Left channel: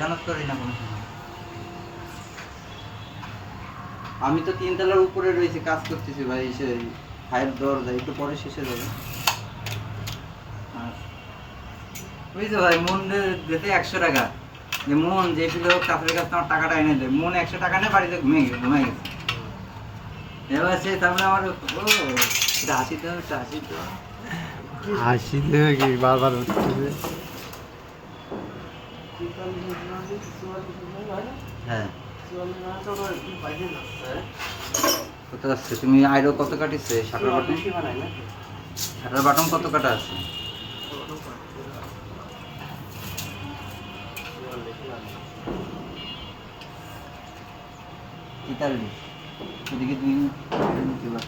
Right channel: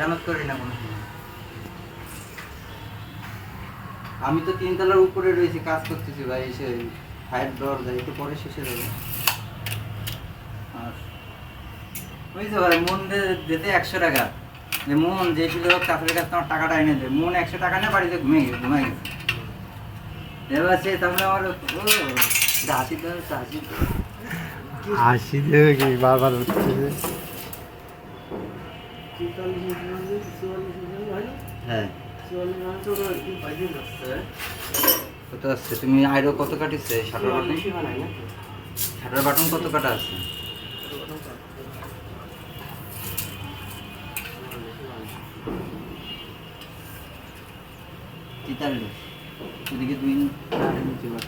জানাত করি না কোনো সময়। আমি তো 3 তলার উপরে রয়েছি, কাজ করতেছি ভাই। এসে ফায়ার দরজা একটু পরে শেষে যাবে। আর ওই যে ভাই মন দিতে 100 টাকা, যে মন যে ছিল চাষের কাছে আমার টাকাটা এনে দেয়, মন 100 টাকা নিয়ে বাড়িতে ঘুমিয়ে গেছে। এবার সে তারপরে আমার হাসি তো হাসি দেবে কি বারবার উঠতেছে। হ্যাঁ কত আসছে? তুমি আইরো কত কাটিছে? শাটার বাটন কত কাটা আছে? তেতাল্লিশ। ওদিকে 2 নিতে পার।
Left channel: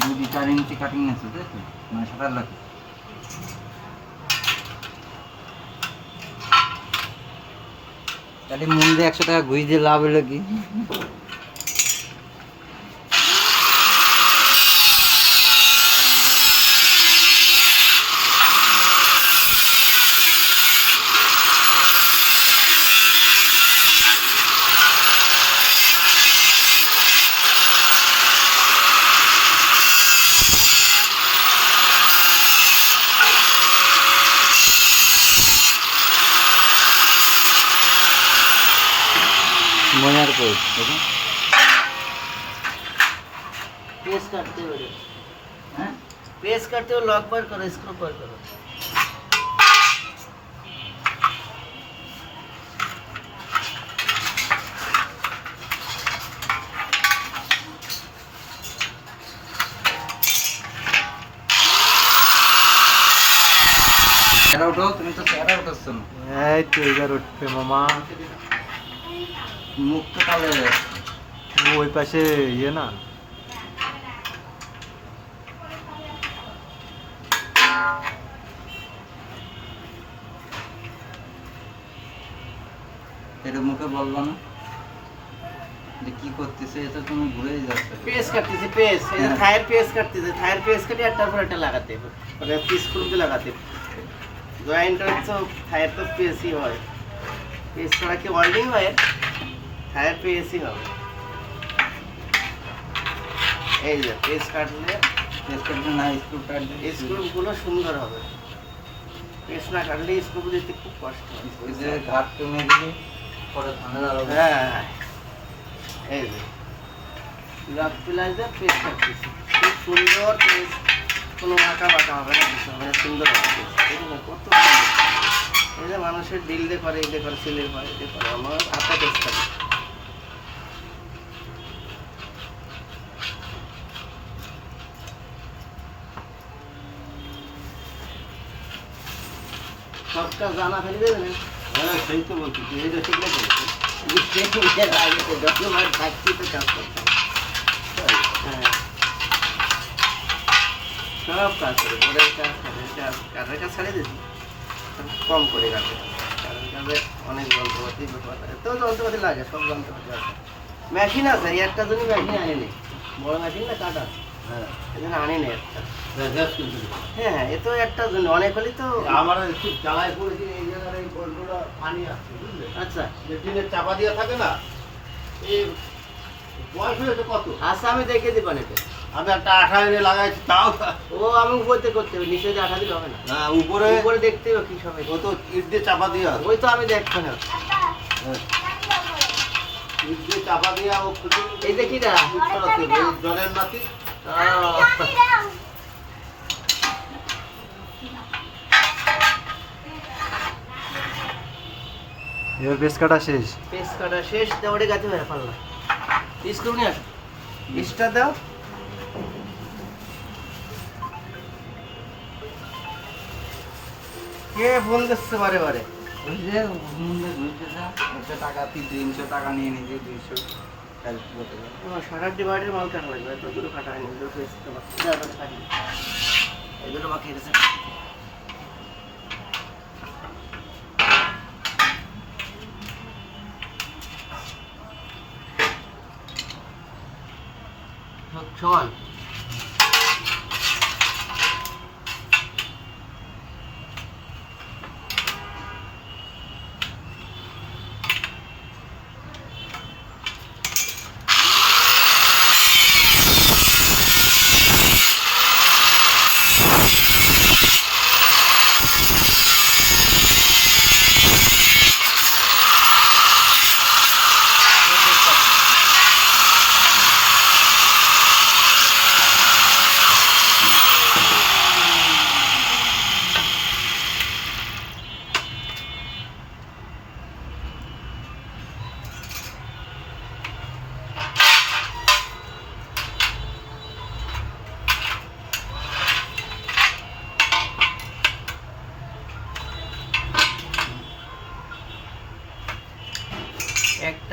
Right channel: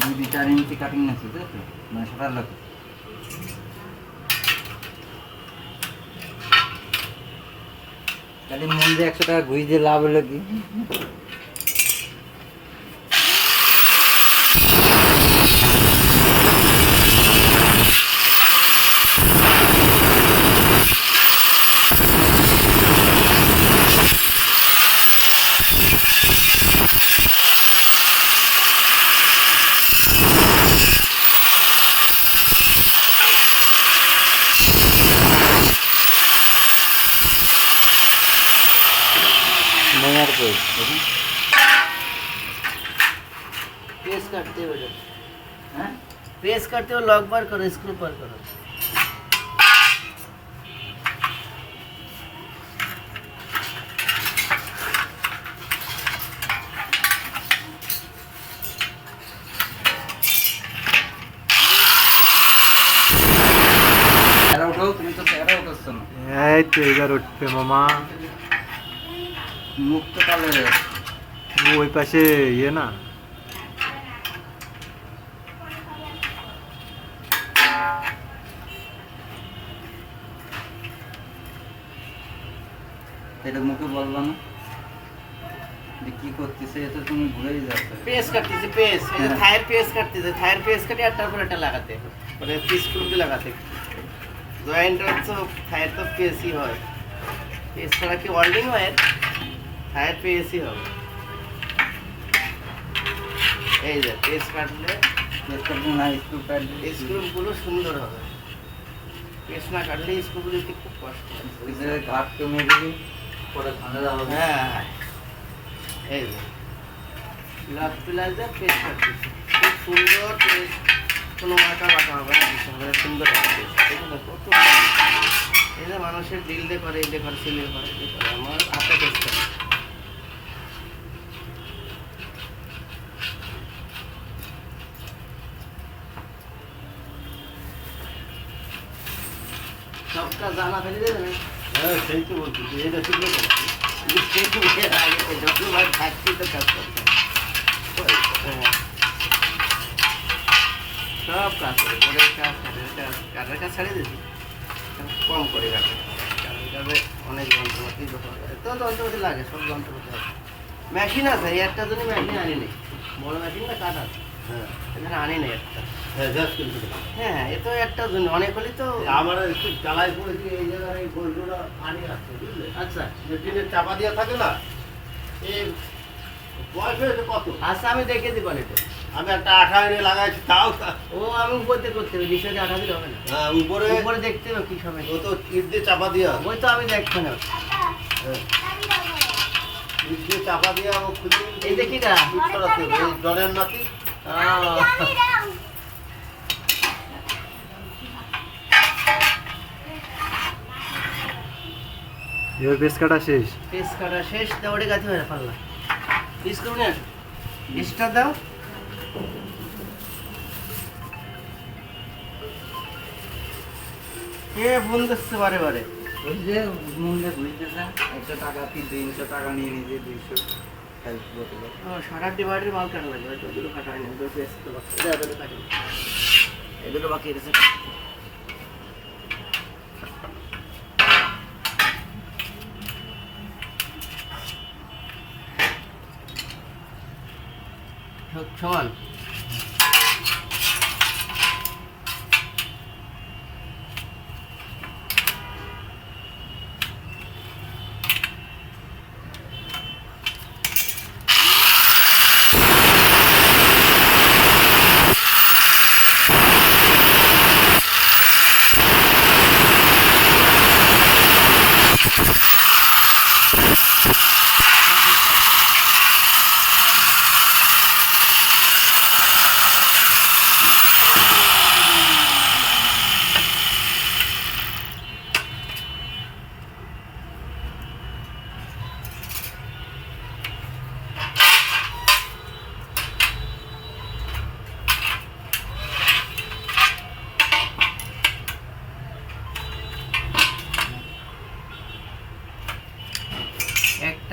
দুই 4 ইঞ্চি কাটিং আছে, তাই তো? মানে শাটার লাগে। তাহলে মন দিয়ে 100 টাকা ঘুষ দিয়ে লাভ হলো কি? নেমার কোড দেখুন, पेस काटते हो बेटे, হ্যাঁ पेस काटते हो लॉक बार करो, स्क्रू बार करो। চেহারা উঠো, তুমি তো চেহারা উঠাচ্ছ না। এই তো এবার উঠবে মামা। মুখ তো কালো হয়ে গেছে। ওই পাশে ইয়ে না, এটা মুখে বলবা না যে কি করতেছে, এটা তুমি ভুলেই যাচ্ছ। पेस काटते थे, पेस ये थायर पेस काटते थे, थायर पेस काटे अट्टा पर अट्टा लगाते और ये पीस स्क्रू के लगाते जॉइंट तो थायर तो पेस ही হয় पेस ছাড়া কি ওয়েল্ডিং হয়, থায়ার পেস ই হবে। এই যে পেস কাটলে পেস কাটবে না, স্ক্রু কাটবে। স্ক্রুগুলো সুন্দর হবে, পেস না কাটলে স্ক্রুগুলো দিতে খুব কষ্ট হয়। ওই যে ঘাট কমে দিলে পরে ঝামেলা হবে। হ্যাঁ এই যে লক প্লাজার পেস কাটতেছি, খুব সুন্দর পেস, কোনো আঁকা বাঁকা হবে না, কিছু হবে না, সুন্দর হবে পেস। দেখুন না কত সুন্দর। এই যে মানুষের বিল দিয়ে করে, এই দিয়ে করে, সিলের করে, এই দিয়ে করে, আমার হাতে পেস কাটে। সবটা জানা ফেলে দেবে না। হ্যাঁ সেই তো বলছি, এটা ঠিক না। যতবার থাকছি তো কাজ করতাম, হ্যাঁ সব কাজ করে, বোর্ডের কাজ, কাঠের কাজ ছাড়িয়ে দিচ্ছি, কম করে কাটে। কাঠের কাজে অনেক যন্ত্রপাতি ব্যবহার করে, তো যন্ত্রপাতি লাগে, সব যন্ত্রপাতি লাগে। মেশিন আছে, এই একটা জন্য মেশিন আনিনি, বড় মেশিন না কাটা, হ্যাঁ এখানে আনিনি একটা। হ্যাঁ গ্যাস কিনতে। হ্যাঁ এ তো একটা জন্য, অনেক হলেই তো। আমার একটু জ্বালায় পড়েছি, এই জায়গায় এই বল্টুটা পানি আসছে, বুঝলে? আচ্ছা যে টিনের চাপা দিয়ে থাকে না, এই বয়স হয়েছে কত? আচ্ছা আমি দেখে দিব এটা। আমি একটা আঠা এনে লাগাইছি, তাও ও আমি উপরে করতে হবে, নিচে দিয়ে আঠা দিলে হবে না, না, উপরে উপরে দেখতে হবে কি সঙ্গে। ও তো ইট দিয়ে চাপা দিয়ে আছে। ওই তো আমি দেখবো না। ইট দিয়ে চাপা দিয়ে আমি খুলে এই যে কিটা? ইট সরাতে হবে, এই জলের মাটি। এবার পেস কাটা শেষ। পেস কাটা শেষ, দেওয়ারে গাছি হয়ে পারলা। পিস করবি না, নিচটা দাও। কে ফোন করছে বারে বারে? ওই যে মূল্যে বুঝতেছে 100 টাকা 300 টাকা নিয়ে নিজে 200 হেল্প করতে। ও সারা ডিভাইডের মাল কাটা লাগবে, তো দুটো কাটা হয়নি, দুটো পেস তো বাকি, দাও দুটো কাটি, এই দুটো বাকি আছে। সমান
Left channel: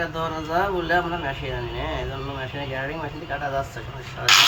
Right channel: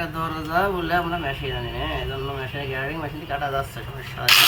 একটা দরজা বলে আমরা মেশিন আনি না, এই জন্য মেশিনে গ্যারারিং মেশিন দিয়ে কাটা যাচ্ছে সমস্যা হয় না।